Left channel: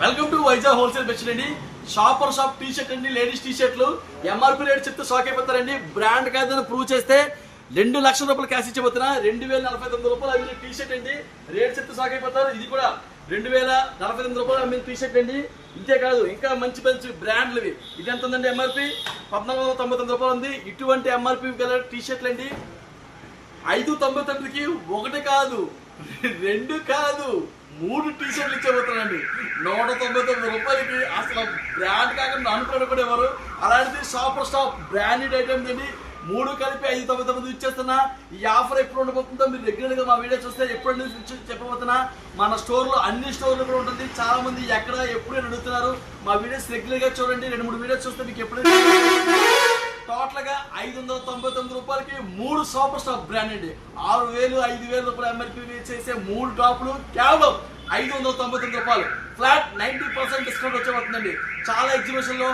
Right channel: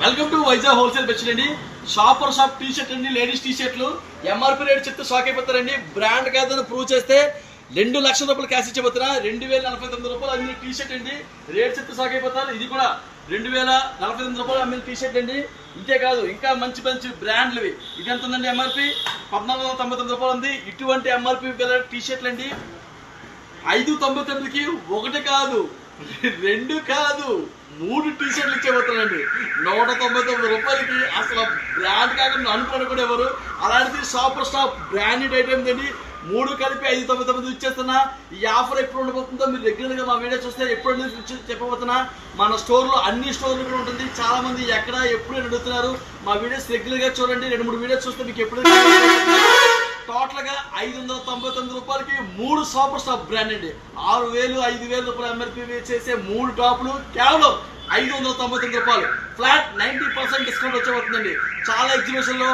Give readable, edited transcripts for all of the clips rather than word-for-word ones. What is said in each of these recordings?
Welcome to Vizag wholesale best అండి. Shopper shop T shirt అండి, ladies tea షర్ట్లు MRP rate చెప్తే షాక్ అయిపోతారండి. బ్రాండ్ కాదని ప్రూవ్ చేస్తే 2 లక్షల రూపాయలు క్యాష్ ఇచ్చిపోతున్నా. 2049 రూపాయలు అమ్మిన టీ షర్ట్ అండి. రేట్ చెప్తే షాక్ అయిపోతారు. ఇది కూడా 2049 రూపాయలు అమ్మిన టీ షర్ట్ అండి. ఇంతే కాదు, ఇంకా మంచి మంచి బ్రాండ్లు ఇది ఎంత ఉందండి? ఎంఆర్పీ 1499 రూపాయలు ఉంది. ఇటువంటి ఎంఆర్పీ గల టీ షర్ట్లు అండి 599కి ఒకటి కాదు, 2 కాదు, 3 టీ షర్ట్లు ఇచ్చేపోతానండి 199 రూపాయలకి. అసలు బ్రాండ్ కాకుండా అనుకోని కూడా ఎవరు. అలాంటిది షాపర్ స్టాప్ బ్రాండెడ్ ఐటమ్ అండి. 3 కలిపి 599 ఇచ్చేస్తున్నా. ఈ ఆఫర్ ఎప్పుడు ఉండబోతుందో మీరు రెగ్యులర్గా మా వీడియో చూస్తే ఎప్పుడు చెప్పబోతున్నా. మన స్టోర్లో అన్ని స్టోర్లు కూడా ఉంటుంది. చాలా మంది ఎక్కడ ఎప్పుడు అడుగుతున్నారు. మా వీడియోస్ రెగ్యులర్గా చూడండి. 2-3 వీడియోస్ చూస్తే మీకు ఎప్పుడు టోటల్ గా 599 రూపాయలకి 3 షాపర్ స్టాప్ బ్రాండ్ అండి. 6000 5000 రూపాయలు ఎంఆర్పీ చేసే 3 టాపులు కేవలం 599 రూపాయలు. ఫ్లాట్ 90% డిస్కౌంట్ వచ్చేపోతుందండి. చాలా ఎగ్జిబిషన్ లో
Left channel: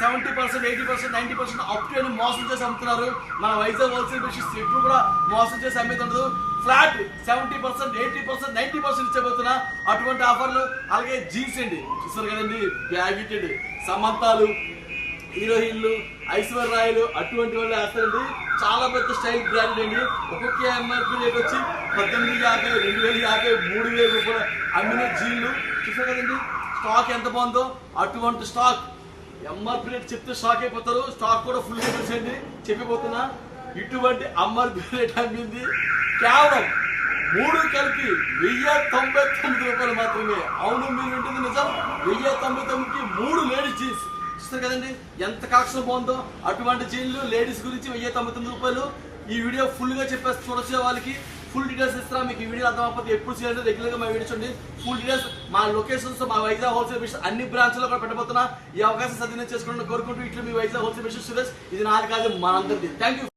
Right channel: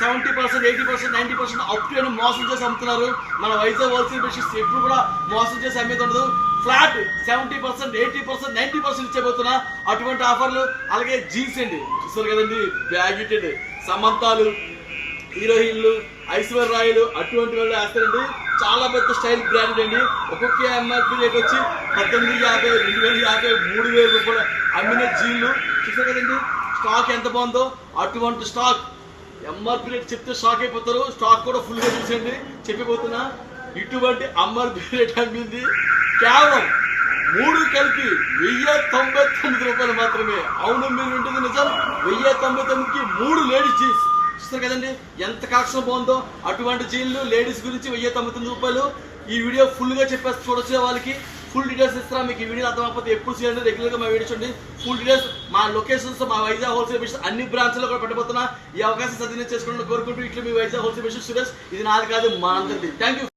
70%, 80%, 90% అప్ అని మోసం చేసి అమ్ముతున్నారు. మన వైజాగ్ హోల్సేల్ బిజినెస్ ఎప్పుడు కూడా మోసం చేసి అమ్మేది. ఫ్లాట్ 70%, 80%, 90% ఇచ్చేపోతున్నా. అటువంటి ఆఫర్లు. అలాగే జీన్స్ అండి, చూస్తారు కదండి, బ్యాగిటెడ్ సమంతాలు, హీరోయిన్లు, ఐశ్వర్యాలు అటువంటి వాళ్ళు వేస్తారండి. చాలా పెద్ద స్టైల్ బ్రాండ్ అండి. ఒక్కొక్క ఎంఆర్పీ రేట్ వచ్చి 1850, 2050, 3000 రూపాయలు అమ్మిన జీన్లు చూసారు కదండి. స్టాక్ ఎంత బాగుందో. అటువంటి స్టాక్ ఎంఆర్పీ రేట్ చెప్తే షాక్ అయిపోతారు. స్టాక్ కూడా ఫుల్గా చూసేయండి చెప్పిపోతున్నా. ఇటువంటి ఎంఆర్పీ రేట్ అమ్మింది కేవలం 3 కలిపి 1099 రూపాయలు మాత్రమే. అవును, మీరు ఉంటుంది నిజం. 1099కి 3 లేడీస్ జీన్స్ చూస్తారు కదండి. ఎంత కలెక్షన్ బాగుందో. అటువంటి జీన్లు లేడీస్ గురించి 1099 రూపాయలు. ఈ వీడియో ఫుల్గా చెప్పేసి చూడొచ్చు. వాళ్ళకి ఫుల్ డీటెయిల్స్ ఇస్తారా. మీకు ఈ వీడియో అర్థమైపోతే ఎప్పుడు చేయండి. రెగ్యులర్గా మా వీడియో చూడండి. ఫుల్ డీటెయిల్స్ మా లొకేషన్స్, మా వైజాగ్ హోల్సేల్ బిజినెస్ అన్ని బ్రాంచ్లో కూడా పెట్టబోతున్నా. ఈ అవకాశం సద్వినియోగం చేసుకోవడం కోరుకుంటూ ఇట్లా మీ వైజాగ్ హోల్సేల్ బిజినెస్ సురేష్. ఇది నాది కాదు, మా అందరిది. Thank you.